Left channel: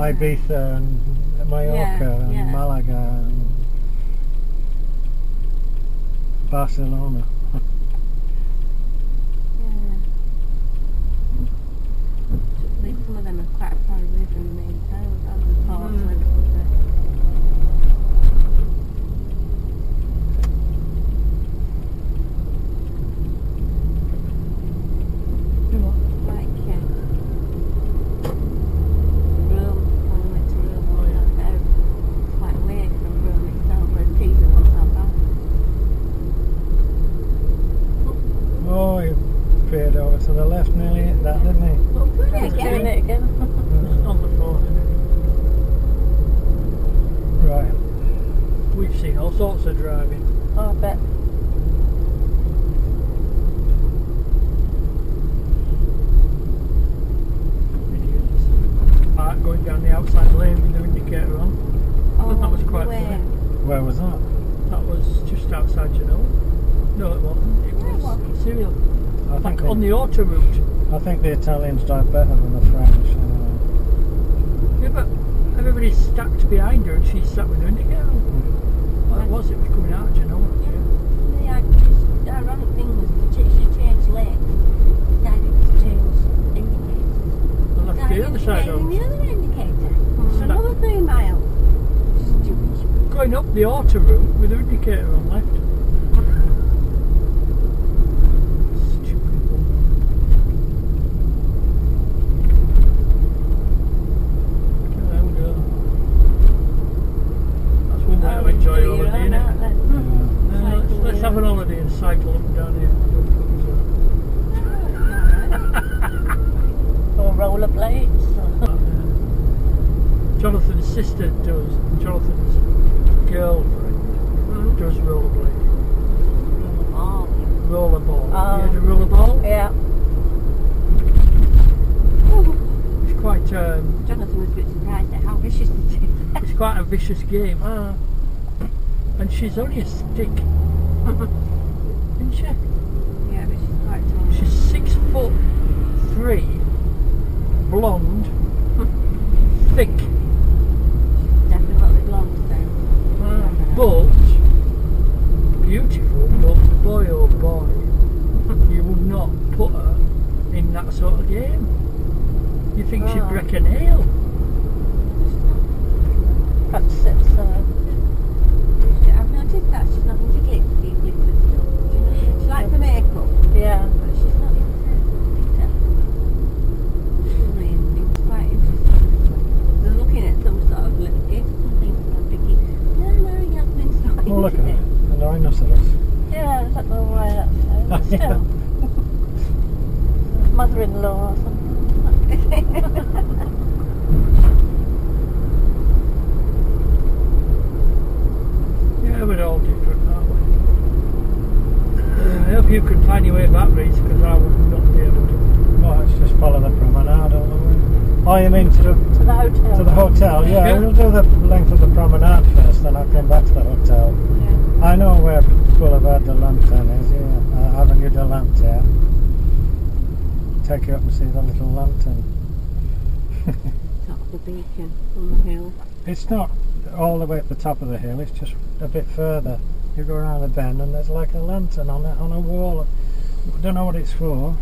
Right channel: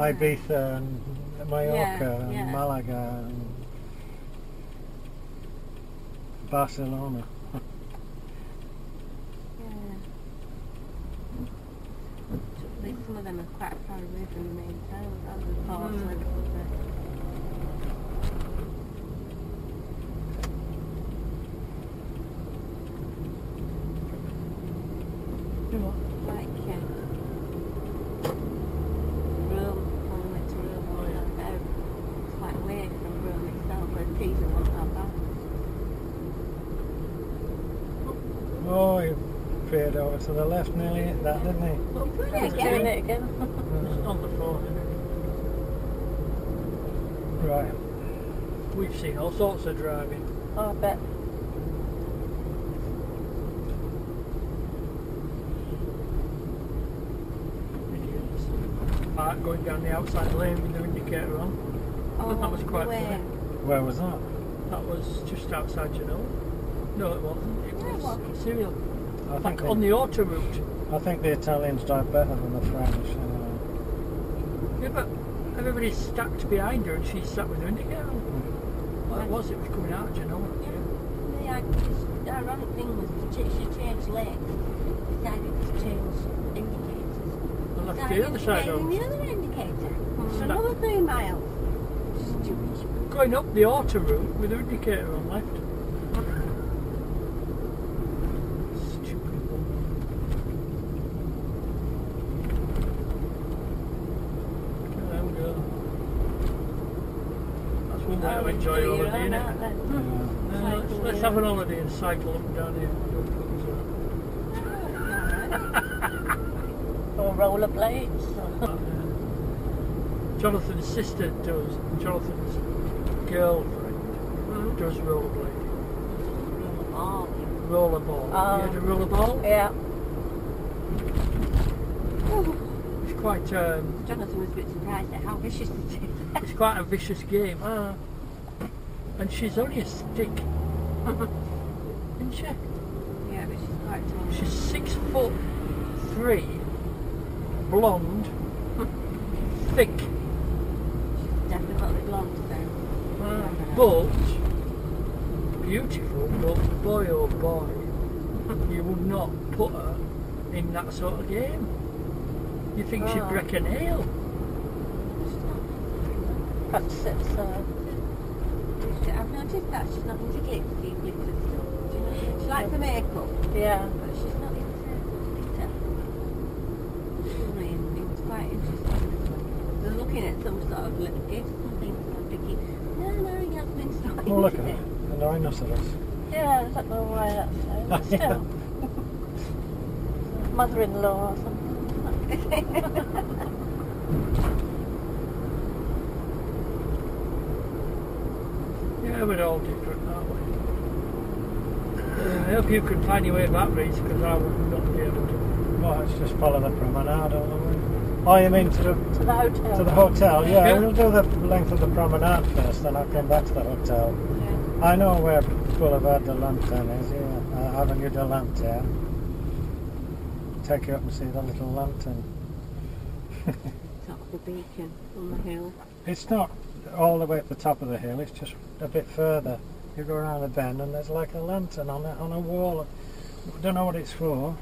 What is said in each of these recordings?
Ibiza and Mallorca and Malaga and Barcelona. Some of them are quite far away from the main town, aren't they? Ports and everything. Like Rome, when we went to Rome, it's quite away from Rome itself, where Pisa wasn't that bad. Oh, he veered over to the left nearly hit that, didn't he? He's doing it again. It's on the phone, isn't Right. it? We've seen all sorts of driving. Oh, I bet. Idiots. Mark going down the outside lane with the indicator on. Oh, That was quite where? funny. Where was that? That was just outside Genoa. No, it wasn't. It was Serial. I think On the auto route. I think the Italians drive better than the French. Yeah, but everybody's stacked behind her and she's sat with her indicator on. Well, it was coming out of Genoa. Yeah. The ironic thing was she changed lanes, decided to change indicators. The left the other side on on. the other indicator for another 3 miles. Stupid. Going up the auto route with her indicator on left. Stupid woman. Let them go. That's one way to enjoy your holiday, isn't it? Let's have an holiday and cycle up and down here. Or rollerblades. Jonathan's sister does. Jonathan's girlfriend does rollerblading. Rollerball. You had a rollerball? Yeah. It's quite Jonathan was a bit surprised at how vicious it is. it's quite a vicious game. And she's only a stick. Isn't she? Yeah, but she's quite tall. She's 6'3", blonde, thick, Definitely blonde then. but beautiful. But boy, oh boy, you would not put her in that sort of game. You think she'd break a nail? Perhaps it's I've noticed that she's not into glitzy glitter stuff. Do you know? She likes the makeup. Yeah. But she's not into glitter. It's quite interesting. They're looking at some sort of little gift and things, and I'm thinking, no, Yasmin's not into Oh, look at it. it. A rhinoceros. Yeah, I don't know why that's so, but still. Mother-in-law or something. Yeah, we're all different, aren't we? I hope you can find your way back, Reese, because I would not be able to. Well, let's just follow the promenade, don't we? Oh, you mean to the hotel? To the hotel, yeah. Yeah. We'll do the length of the promenade first, then I'll come back to the hotel. Yeah. I know where Boulevard de Lanterne is, yeah. Avenue de Lanterne. Take you up and see the little lantern. Top of the beacon on the hill. It's not all the way at the top of the hill, it's just a bit further. You go around the bend and there's like a lantern on a wall. Don't know what it's for.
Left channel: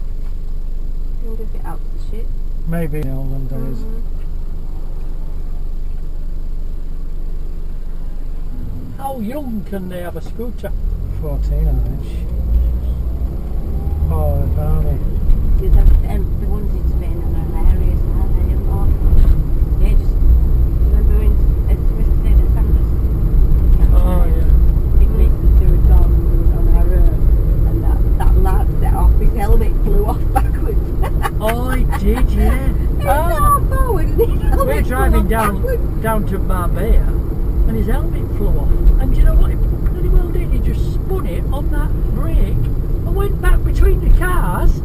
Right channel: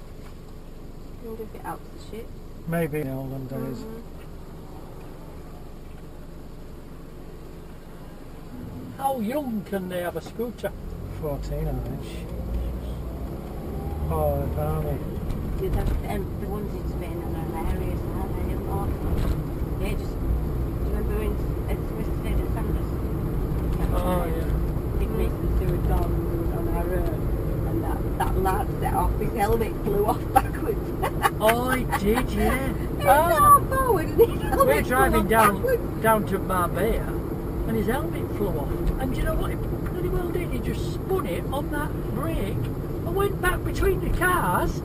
I wonder if it helps the ship. Maybe in the olden days. How young can they have a scooter? 14, I think. Oh, the barmy. The ones in Spain are hilarious, aren't they? Yeah, just remember when Smith stayed at Sanders? Oh, yeah. Big Mason threw a dog on our road, and that lad set off, his helmet flew off backwards. Oh, I did, yeah. Forward, and his helmet We're driving flew off backwards. down to Marbella, and his helmet flew off. And do you know what he bloody well did? He just spun it on that brake and went back between the cars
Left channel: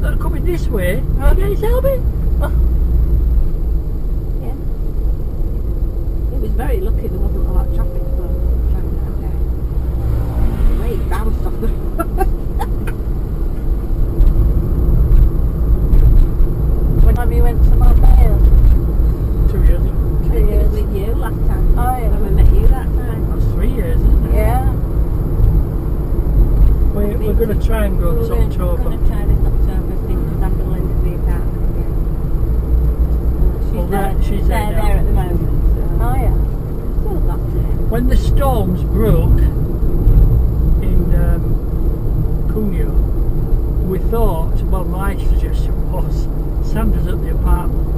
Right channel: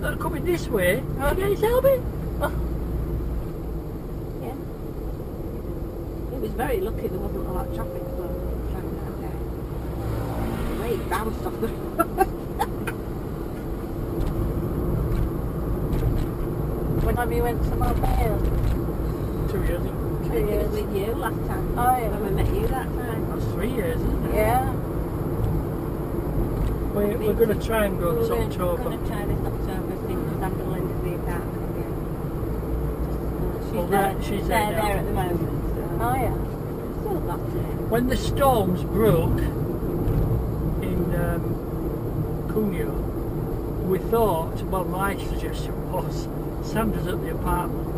that are coming this way to get his helmet. Yeah. He was very lucky there wasn't a lot of traffic for driving that day. The way he bounced off the road. When time you went to Marbella? 2 years ago. last time. Oh, yeah. When we met you that time. That's 3 years, isn't it? Yeah. We're going to try and go this October. We're going to try this October, see if Sandra into the apartment again. She's there at the moment. So. Oh, yeah. Still got to. When the storms broke in Cagnes, we thought, well, my suggestion was, Sandra's at the apartment.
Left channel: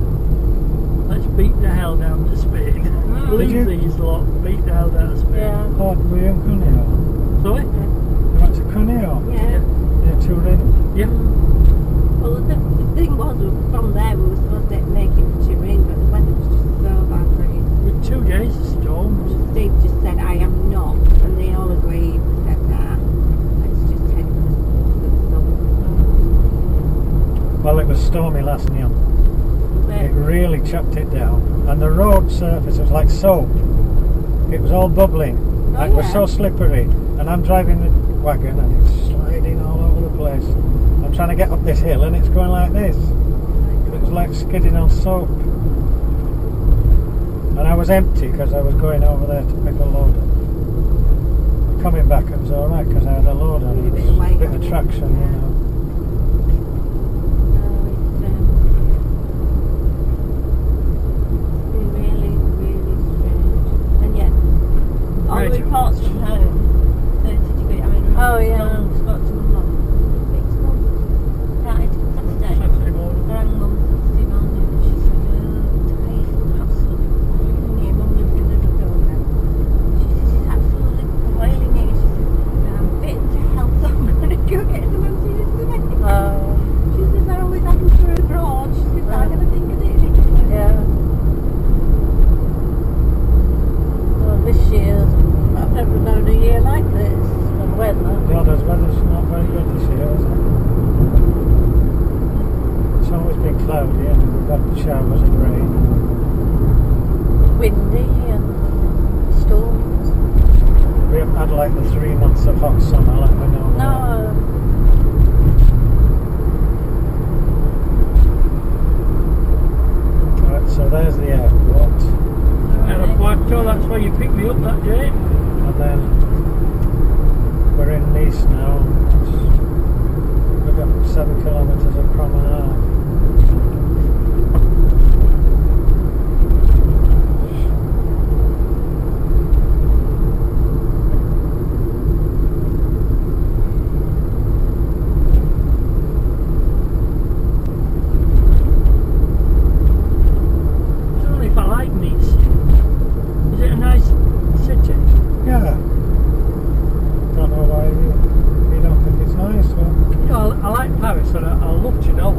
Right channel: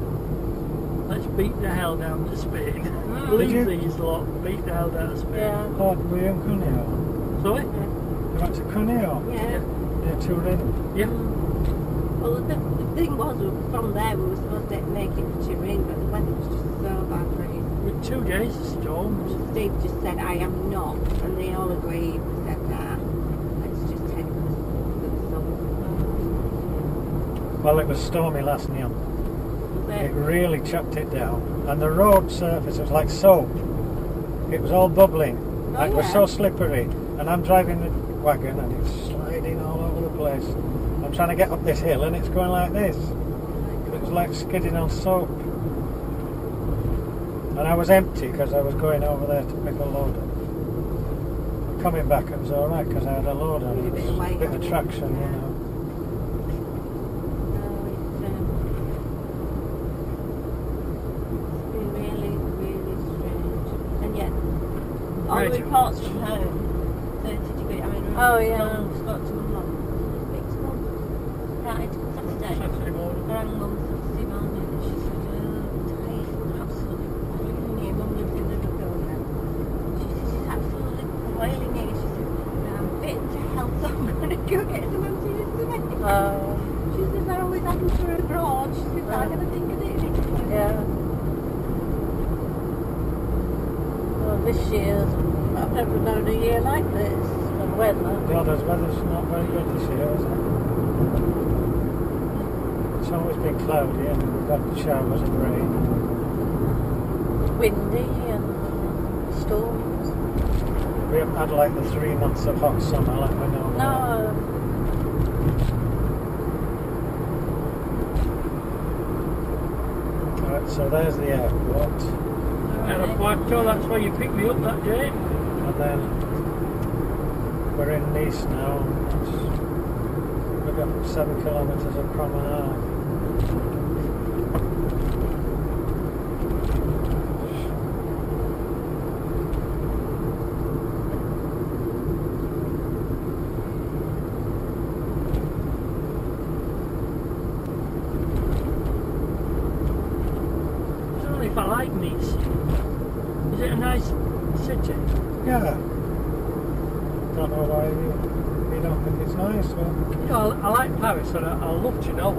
Let's beat the hell down to Spain. Leave these lot, beat the hell down to Spain. Yeah. Oh, were you in Cuneo? Sorry? You went to Cuneo? Yeah. Yeah, touring? Yeah. Well, the thing was, from there we were supposed to make it to Turin, but the weather was just so bad for it. With 2 days of storms. Steve just said, I am not, and they all agreed. They said, nah, let's just head for the sun. Well, it was stormy last night. It really chopped it down. And the road surface was like soap. It was all bubbling. It was so slippery. And I'm driving the wagon and it's sliding all over the place. I'm trying to get up this hill and it's going like this. It was like skidding on soap. And I was empty because I was going over there to pick a load up. Coming back it was alright because I had a load on it. It was a bit of traction, you know. All the reports from home, 30 degrees. I mean, oh yeah. Spoke to Mum. Next month, Saturday morning. Rang Mum Saturday morning, and she said, "Tight, absolutely boiling here." Mum lives in Liverpool now. She said she's absolutely boiling here. She said, "I'm bitten to hell, so I'm going to go get some antihistamine." She says, "I always have them for abroad." She said, "I never think of it." Yeah. This year, I've never known a year like this. The weather. Well, the weather's not very good this year, is it? It's always been cloudy and we've got showers of rain. Windy and storms. We haven't had like the 3 months of hot summer like we know. No. Right, so there's the airport. Aeropuerto, that's where you picked me up that day. And then we're in Nice now. We've got 7 kilometres of promenade. I don't know if I like Nice. Is it a nice city? Yeah. Don't know why you don't think it's nice. Well, You know, I like Paris and I love Genoa,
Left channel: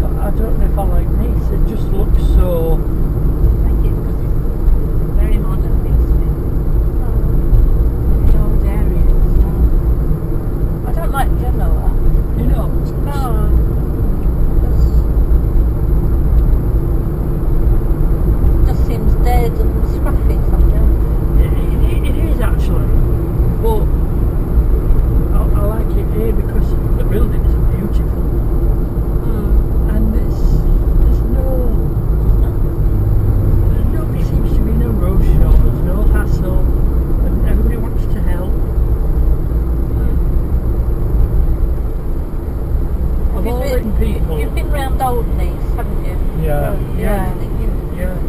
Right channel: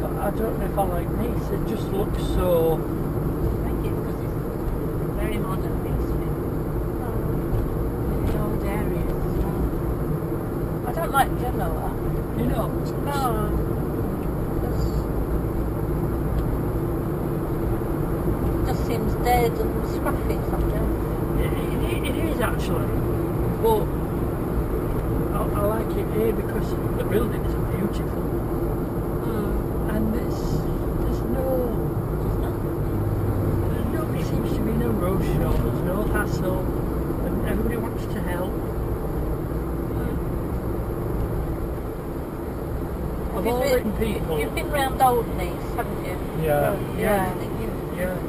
but I don't know if I like Nice. It just looks so... I think it's because it's very modern, Nice. The old areas as well. I don't like Genoa. You know, No. It just seems dead and scruffy something. it is actually, but I like it here because the buildings are beautiful. And there's nobody seems to be in a rush, or there's no hassle, and everybody wants to help. Of all written people. You've been round Old Nice, haven't you? yeah. Yeah.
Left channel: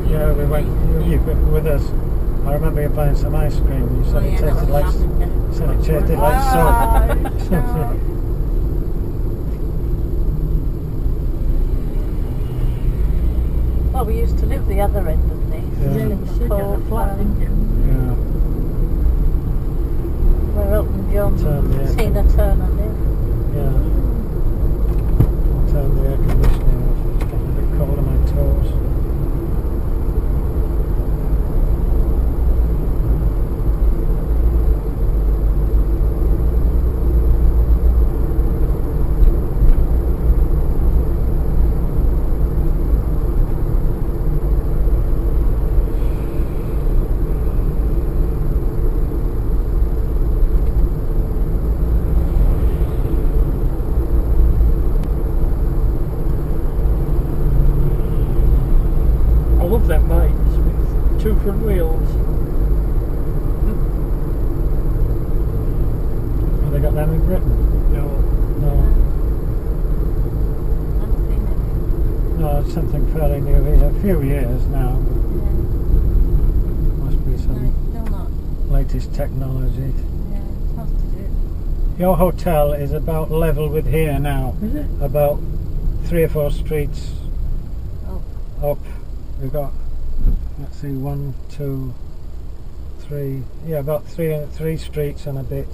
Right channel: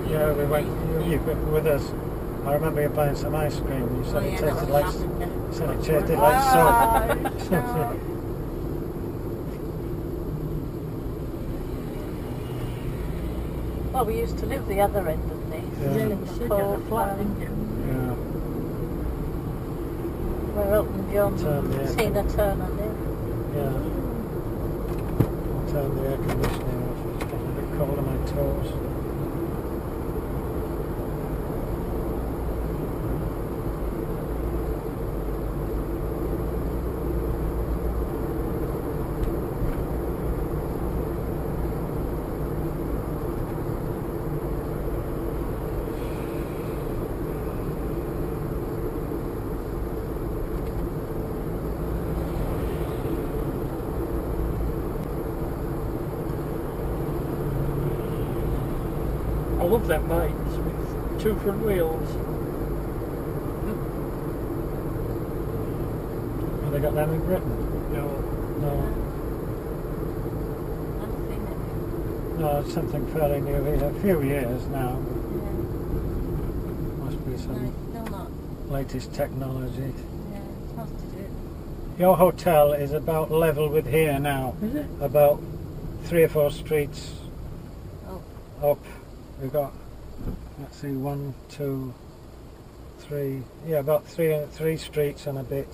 Yeah, we went. You were with us. I remember you buying some ice cream. You said it tasted like soap. Well, we used to live the other end of Nice. Yeah. You In said you the had a flat, didn't you? Yeah. where Elton John and Tina Turner live. Yeah. I'll turn the air conditioning off. It's getting a bit cold on my toes. I love them bikes with 2 front wheels. Have they got them in Britain? No. I've seen it. No, it's something fairly new. It's a few years now. Yeah. Must be No, some it's still not. latest technology. Yeah, it's supposed to do it. Your hotel is about level with here now. Is it? About 3 or 4 streets Oh, up. We've got, let's see, 1, 2, 3. Yeah, about three streets and a bit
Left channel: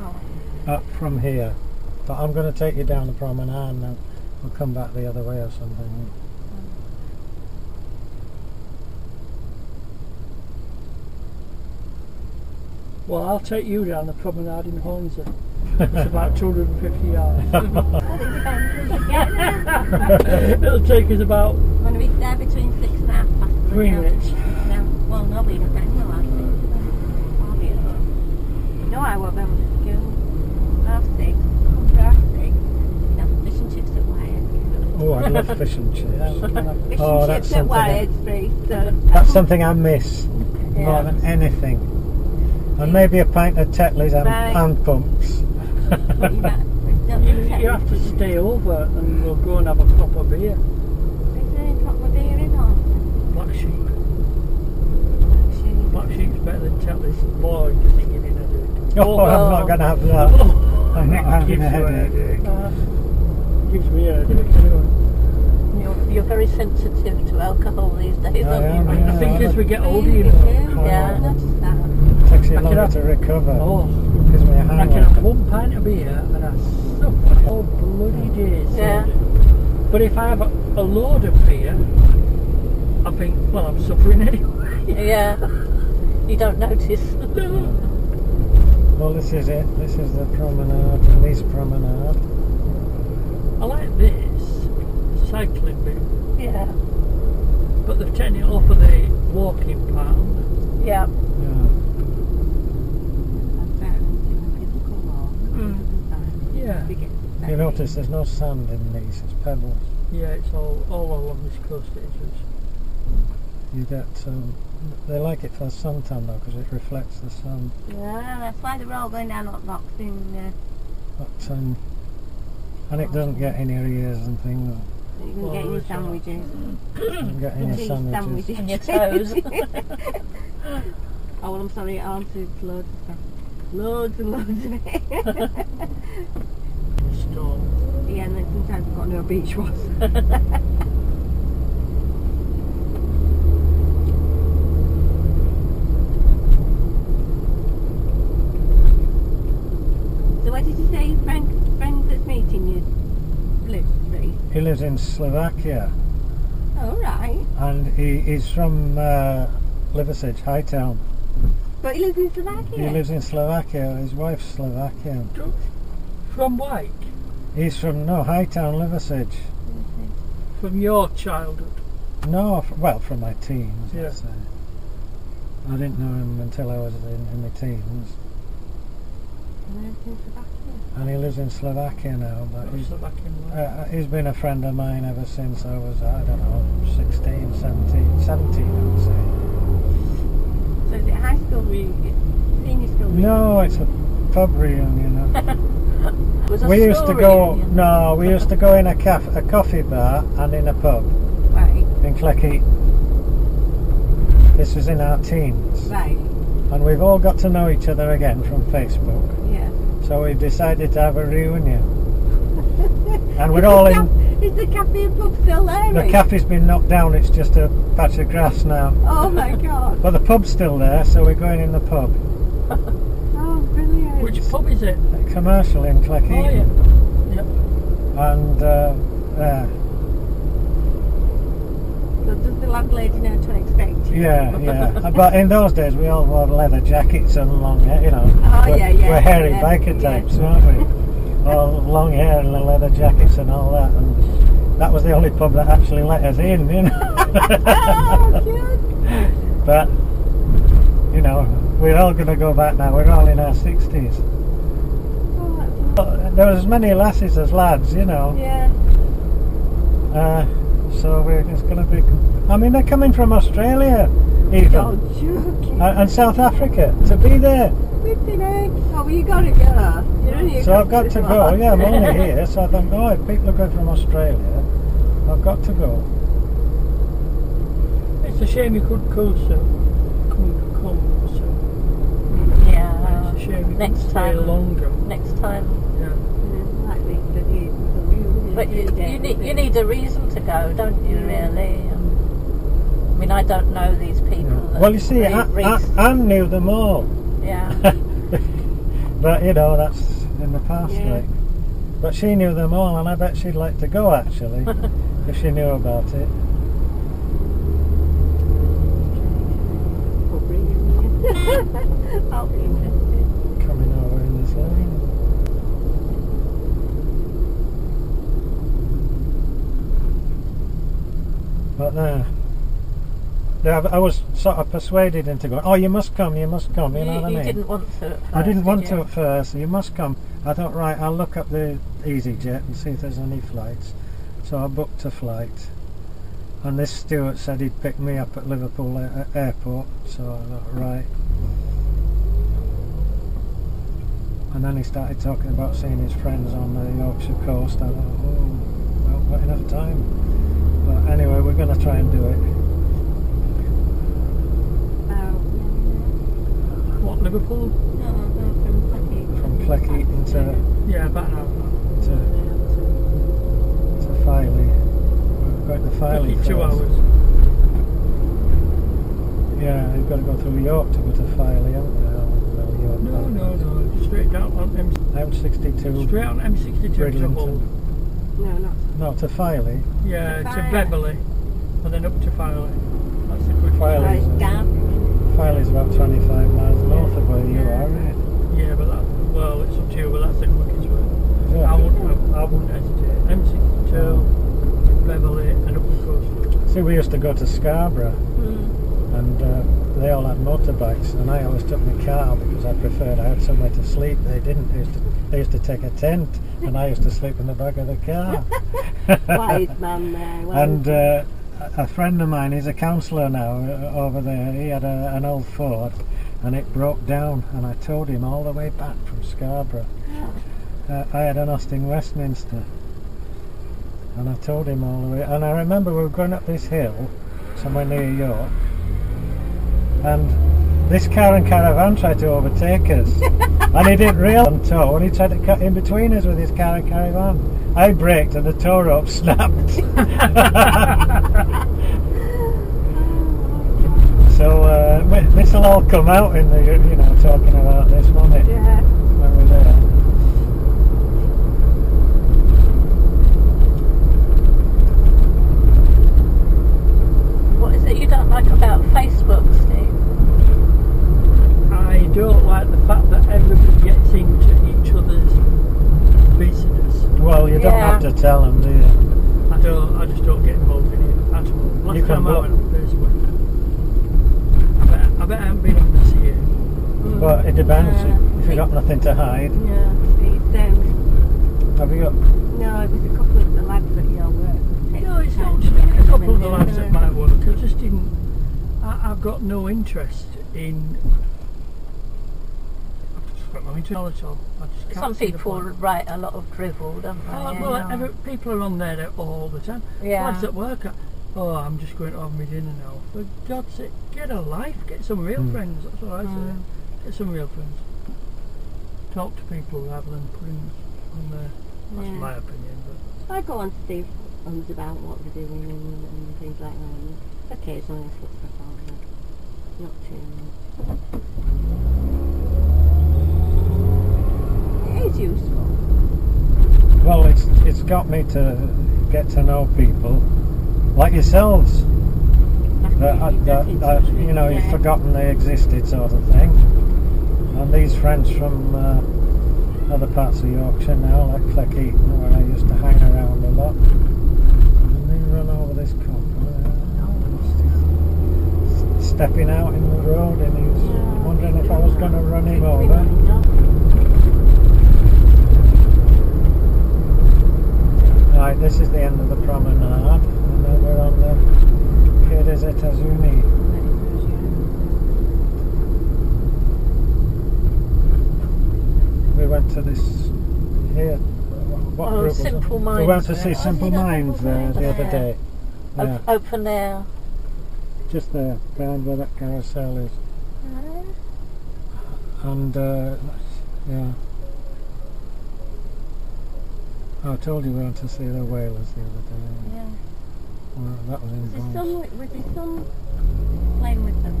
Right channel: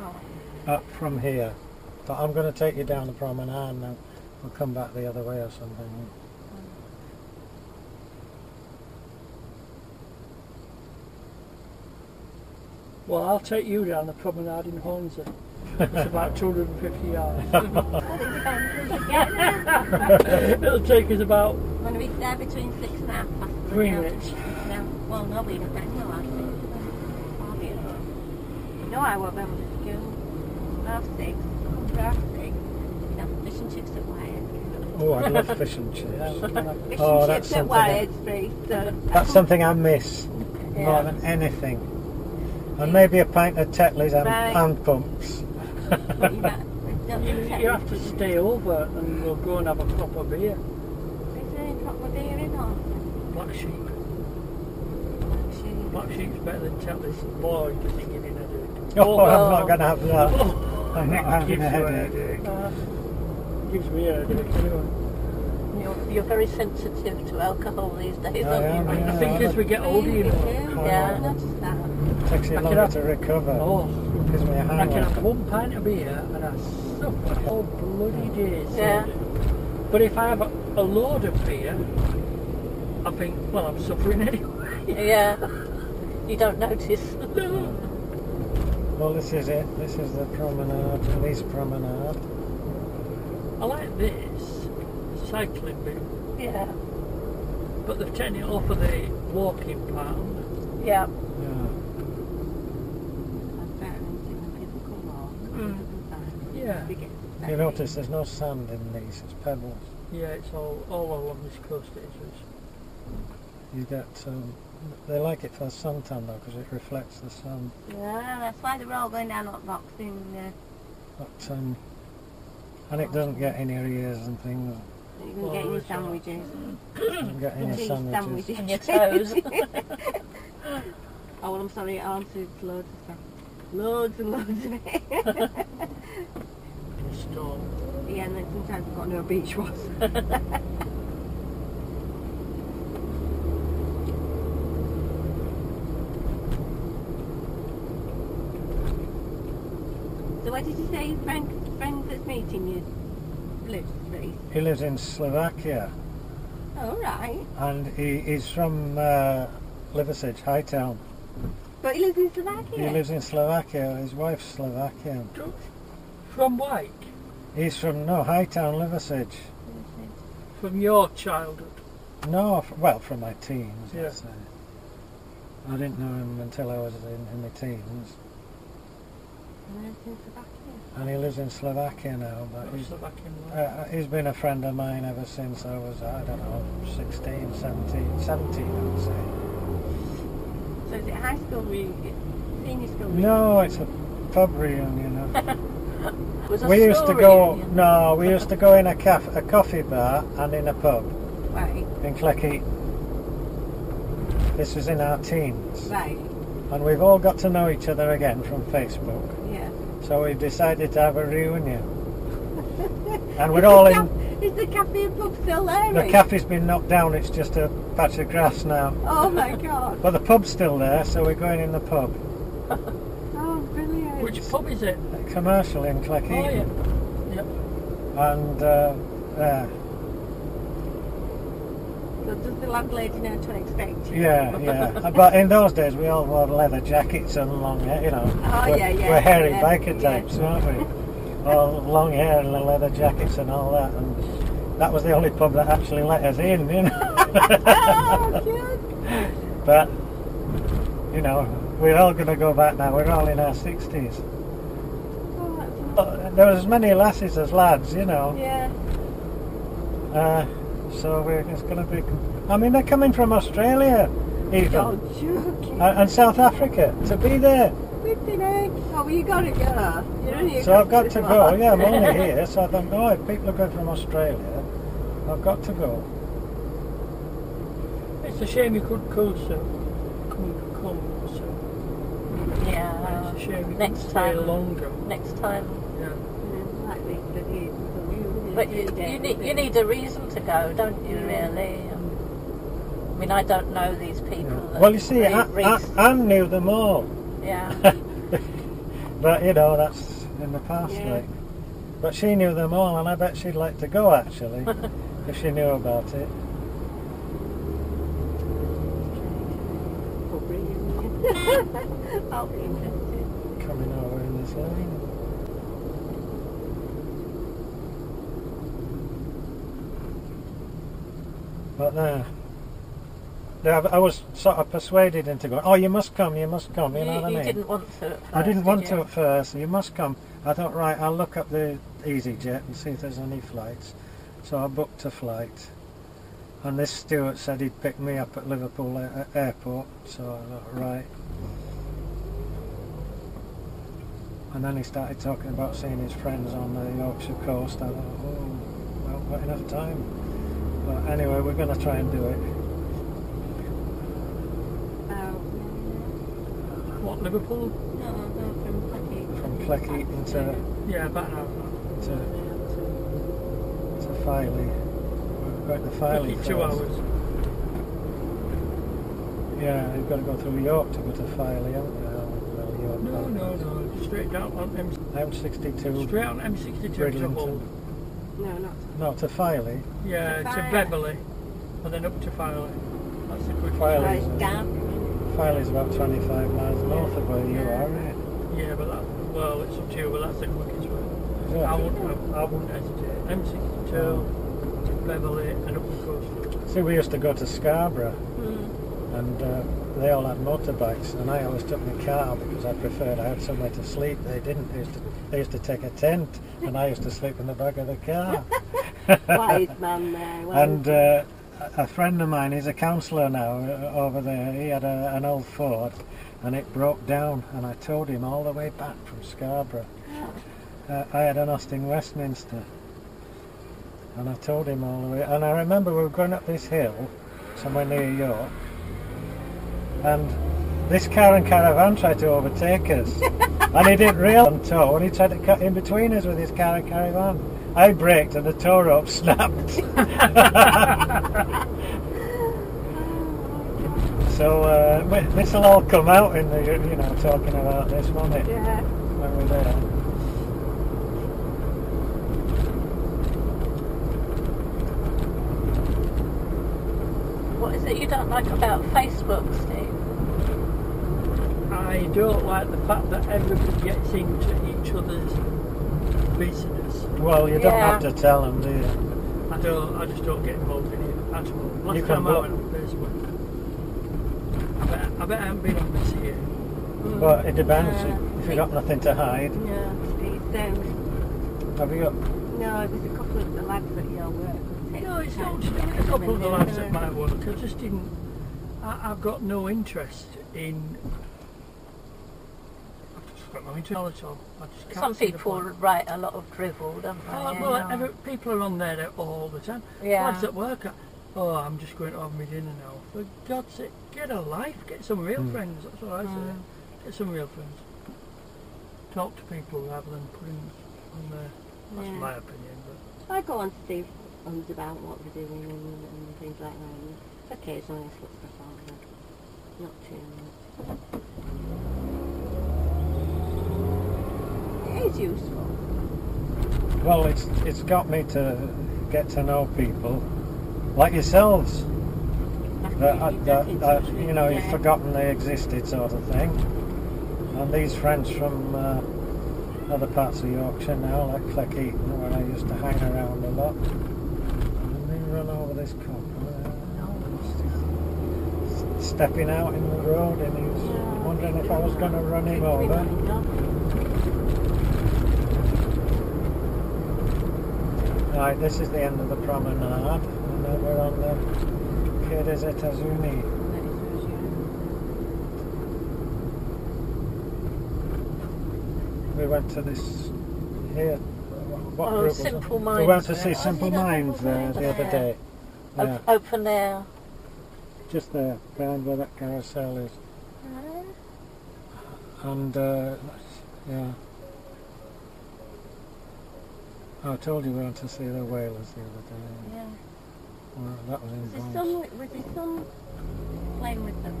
oh. up from here. But I'm going to take you down the promenade now. We'll come back the other way or something. Well, I'll take you down the promenade in Hornsey. It's about 250 yards. Well, it depends when you get there. It'll take us about I'm going to be there between 6 and half past 3 minutes. No, well, no, we don't know. I'll be at home. You know I won't be able to school. Half 6, half 6. You can have fish and chips at Wyatt. Oh, I love fish and chips. Fish Oh, and that's chips at something. Wyatt Street. So. That's something I miss more Yeah. than anything. And maybe a pint of Tetley's and Right. hand pumps. But you You have to stay over and we'll go and have a proper beer. Is there any proper beer in or? Black Sheep. Actually, Black Sheep's better than Tetley's. Boy, does it give you a headache. Oh, I'm not going to have that. Oh, I'm not having gives a you headache. Gives me a headache anyway. You're very sensitive to alcohol these days, I aren't am, you? yeah. I think as we get older, you really know. do. Yeah. I noticed that. Takes you I can longer have- to recover. Oh, Gives me a I can have hangover. 1 pint of beer and I suffer all bloody days. Yeah. But if I have a load of beer, I think, well, I'm suffering anyway. Yeah. You don't notice. Well, this is it. This is the promenade, the East Promenade. I like this cycling bit, Yeah. but they've taken it off of the walking part. Yeah. Yeah. That's better than when people come along. Yeah. You notice there's no sand in these, it's pebbles. Yeah, it's all along this coast it is. You get, they like it for the suntan though, because it reflects the sun. Yeah, that's why they're all going down hot boxing. But, and it doesn't get in your ears and things. You can get your sandwiches. You don't get in your Cheese sandwiches. And your toes. Oh, well, I'm sorry, I answered loads of stuff. Loads and loads of it. Storm. Yeah, and then sometimes I've got no beach was. So where did you say Frank that's meeting you lives, Reece? He lives in Slovakia, Oh, right. and he's from Liversedge, Hightown. But he lives in Slovakia. He lives in Slovakia. His wife's Slovakian. From White? He's from Hightown, Liversedge. From your childhood? No, well, from my teens. Yeah. I'd say. I didn't know him until I was in my teens, He lives in Slovakia. and he lives in Slovakia now. But he's been a friend of mine ever since I was, I don't know, 16, 17, I would say. So is it high school reunion? Senior school reunion? No, it's a pub reunion. Was a We used to school go. reunion. No, we used to go in a coffee bar and in a pub Right, in Clecky. This was in our teens, right, and we've all got to know each other again from Facebook. yeah. So we decided to have a reunion, and we're all in. Is the cafe and pub still there? The Reece? cafe's been knocked down. It's just a patch of grass now. Oh my god. But the pub's still there, so we're going in the pub. Oh, brilliant. Which pub is it? A commercial in Clecky. Oh, yeah. Yep. And So does the landlady know to expect you? yeah. But in those days, we all wore leather jackets and long hair, you know. Oh, we're, yeah. We're hairy yeah, biker types, aren't we? All long hair and the leather jackets and all that. And that was the only pub that actually let us in, you know. Oh, cute. But, you know, we're all going to go back now. We're all in our 60s. Oh, that's There was as many lasses as lads, you know. yeah. So it's going to be. I mean, they're coming from Australia. even. You're joking. And South Africa, to be there. Flipping egg. Oh, well, you got to go. You're only So I've got to go. Yeah, I'm only here. here. So I think, oh, if people are going from Australia, I've got to go. It's a shame you couldn't come, so. Yeah. It's a shame you Next couldn't time. stay longer. Next time. Yeah. But you need a reason to go, don't you, really? I mean, I don't know these people. Yeah. that Well, you see, Reese- Anne knew them all. Yeah. But, you know, that's in the past, Yeah. like. But she knew them all, and I bet she'd like to go, actually, if she knew about it. I'll be interested. Coming over in this lane. But I was sort of persuaded into going, oh, you must come, you know what I mean? You didn't want to at first, I didn't want did to you? at first, you must come. I thought, right, I'll look up the EasyJet and see if there's any flights. So I booked a flight. And this steward said he'd pick me up at Liverpool airport, so I thought, right. And then he started talking about seeing his friends on the Yorkshire coast. I thought, oh, well, not enough time. But anyway, we're going to try and do it. What, Liverpool? No, From Cleckheaton to Yeah, about an hour. to Filey. We're going to Filey first. 2 hours. Yeah, you've got to go through York to go to Filey, haven't you? Well, York, No, just straight down on M62. Straight on M62 to Bridlington. Hull. No, not. No, to Filey. Yeah, To to Filey. Beverley. And then up to Filey. That's a quick Filey's, Right, Filey's about 25 miles north of where you are, isn't it? Yeah, but that, well, it's up to you, but that's the quickest way. Yeah. I wouldn't hesitate. M62, Beverley, and up the coast. See, we used to go to Scarborough, and they all had motorbikes, and I always took my car because I preferred I had somewhere to sleep. They didn't. They used to take a tent, and I used to sleep in the back of the car. Wise man there. And a friend of mine, he's a councillor now over there. He had an old Ford, and it broke down, and I towed him all the way back from Scarborough. I had an Austin Westminster, and I towed him all the way. And I remember we were going up this hill, somewhere near York, and this car and caravan tried to overtake us, and he didn't realise on tow, and he tried to cut in between us with his car and caravan. I braked, and the tow rope snapped. So this will all come out in the, talking about this, won't it? Yeah. When we're there. What is it you don't like about Facebook, Steve? I don't like the fact that everybody gets into each other's business. Well, you don't Yeah. have to tell them, do you? I just don't get involved in it at all. Last You can time I block- went on Facebook, I bet I haven't been on this year. But it depends. Yeah. If you've got nothing to hide. Yeah, it's Have you got... no, it was a couple of the lads at your work. No, it's not just a couple of the lads at my work. I just didn't. I've got no interest in. I've just got no interest at all. I just can't Some see the people point. write a lot of drivel, don't they? Well, people are on there all the time. Yeah. Lads at work. I'm just going to have my dinner now. For God's sake, get a life. Get some real friends. That's what I say. Get some real friends. Talk to people rather than putting on there. That's Yeah. my opinion. But I go on to Steve about what they're doing and things like that. And occasionally I put stuff on, but not too much. It is useful. Well, it's got me to get to know people like yourselves. You've forgotten they existed, sort of thing. And these friends from other parts of Yorkshire now, like Cleckheaton, where I used to hang around a lot. And they run over this cop. Stepping out in the road, and he was wondering if I was going to run him over. Right, this is the end of the promenade, and then we're on the Quai des Etats-Unis. we went to this here. What Oh, group was it? Simple We Minds. went to see there. Simple Minds there the other day. Yeah, Open air. just there, behind where that carousel is. And yeah. I told you we went to see the whalers the other day. Yeah. Well, that was in Was his Bronx. son playing with them?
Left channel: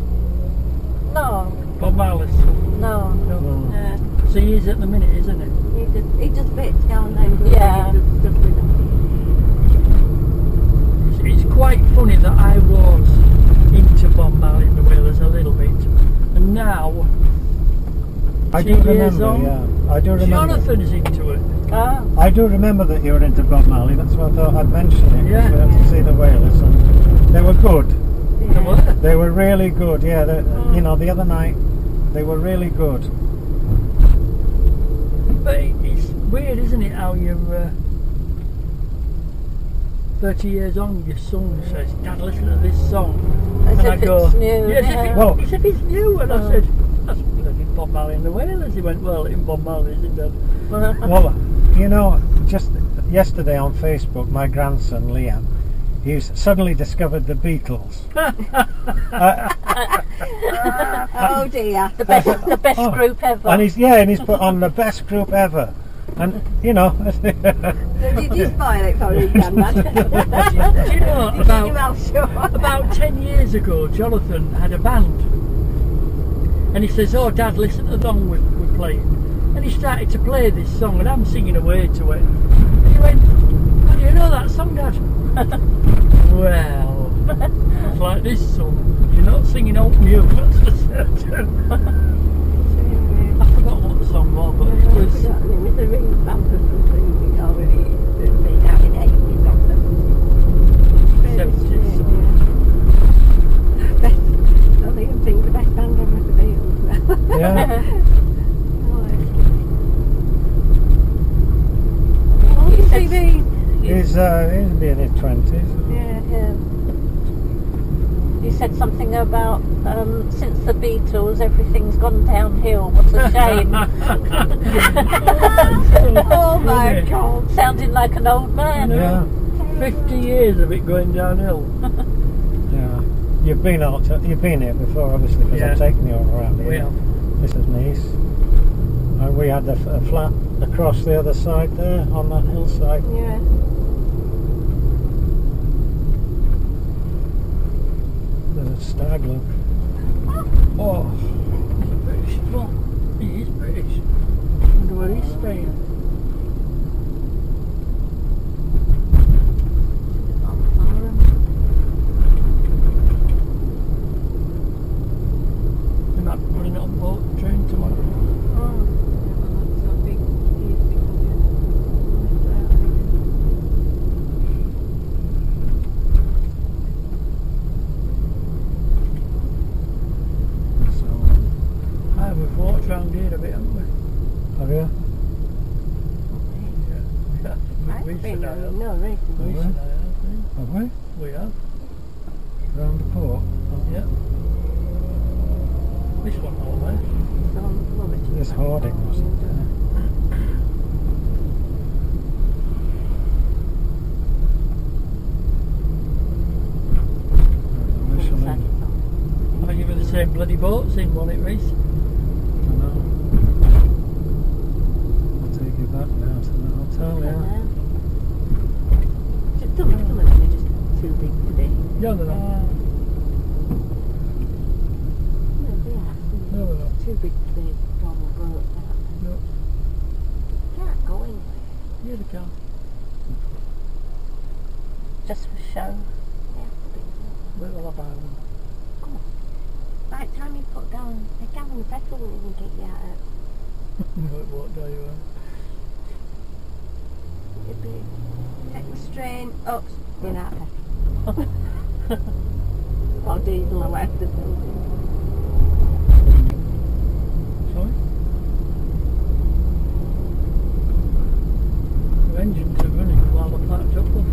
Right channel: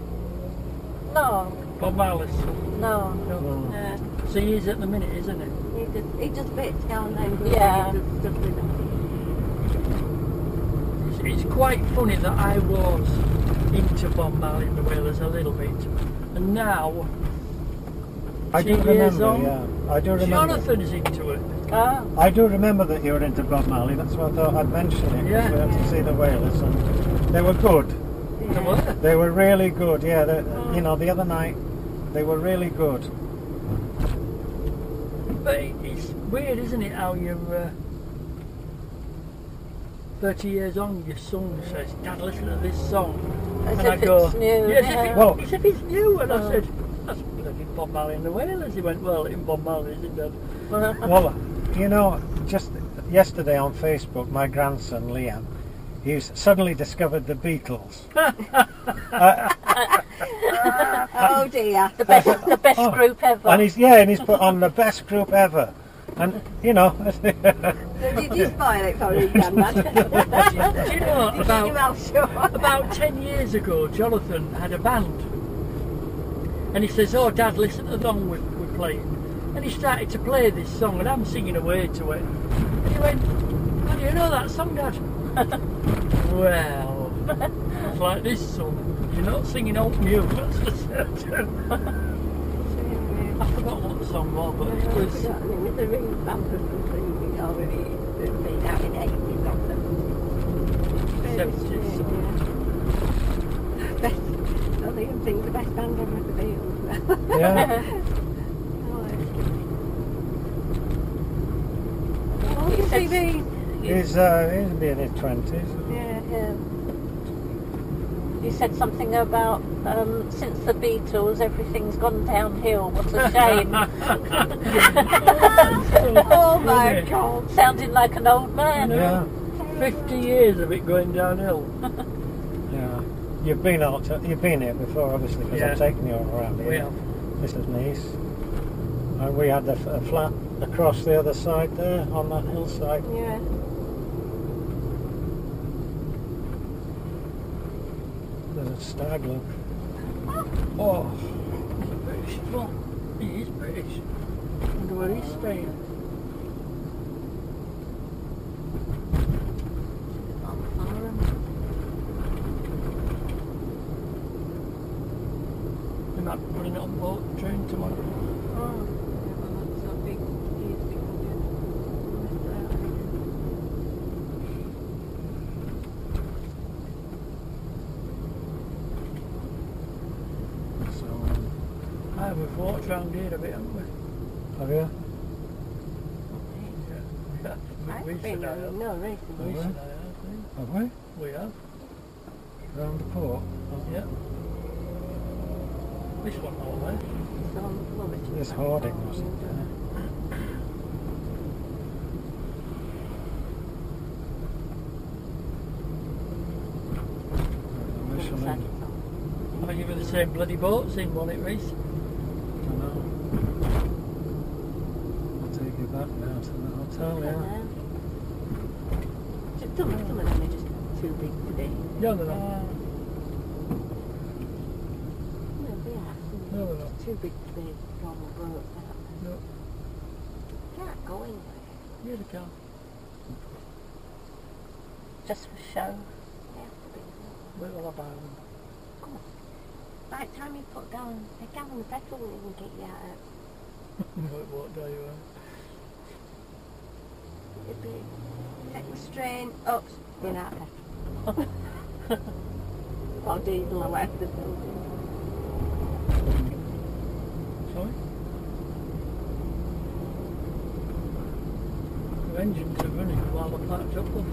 No, Bob Marley's. no. No. So he is at the minute, isn't he? He just bits down there. Yeah. Stuff with them. It's quite funny that I was into Bob Marley and the Wailers a little bit, and now I do 10 years remember, on, yeah. I do remember. Jonathan's into it. Ah, I do remember that you were into Bob Marley. That's why I thought I'd mention it. Yeah. We went to see the whalers, and they were good. They were. They were really good. Yeah, you know, the other night they were really good. But it's weird, isn't it, how you're 30 years on, your son says, "Dad, listen to this song." as And if I go, it's new. "Yeah, as if it- Well- as if it's new." And I said, "That's bloody Bob Marley and the Wailers." He went, "Well, in Bob Marley, isn't it?" Well, you know, just yesterday on Facebook, my grandson Liam, he's suddenly discovered the Beatles. Oh dear. The best Oh, group ever. And he's put on the best group ever. And you know, Did you spoil it for him, Grandad? Do you know, Did you mouth shut? about 10 years ago, Jonathan had a band. And he says, "Oh, Dad, listen to the song we're playing." And he started to play this song, and I'm singing away to it. And he went, "How do you know that song, Dad?" Well, it's like this song. You're not singing Old New, that's for certain. I forgot what the song was, but it was... It was a ring band or something. We'd already been out in the 80s or something. 70s. Best, I think the best band ever the Beatles. yeah. How old is he been? He's in his 20s. Yeah. You said something about since the Beatles, everything's gone downhill. What a shame. Oh my Funny. God. Sounding like an old man. Yeah, 50 years of it going downhill. yeah. You've been here before, obviously, because Yeah. I've taken you all around here. We have. This is nice. And we had a flat across the other side there, on that hillside. Yeah. There's a stag, look. Oh, he's a British one. He is British. Wonder where he's staying. They might be putting it on boat train tomorrow. So, We've walked round here a bit, haven't we? have you? Yeah. I've been Recently, I have. no recently. Recently, I have. Have we? We have. Round the port? Yeah. This one all there. This hoarding wasn't there. Michelin. I think you've the same bloody boats in, won't it, Reese? I know. I'll take you back now to the hotel, yeah. Some of them are just too big to be. No, they're not. No, they are. No, they're not. Too big to be normal boats, aren't No. they? Can't go anywhere. Yeah, they can. Just for show. They have to be. Where will I buy them? Come on. By the time you put down a gallon of petrol, it will get you out of No, it won't do you. it'd be take the strain up, spin out of petrol. Or diesel or whatever the building. Sorry? The engines are running while they're parked up, look.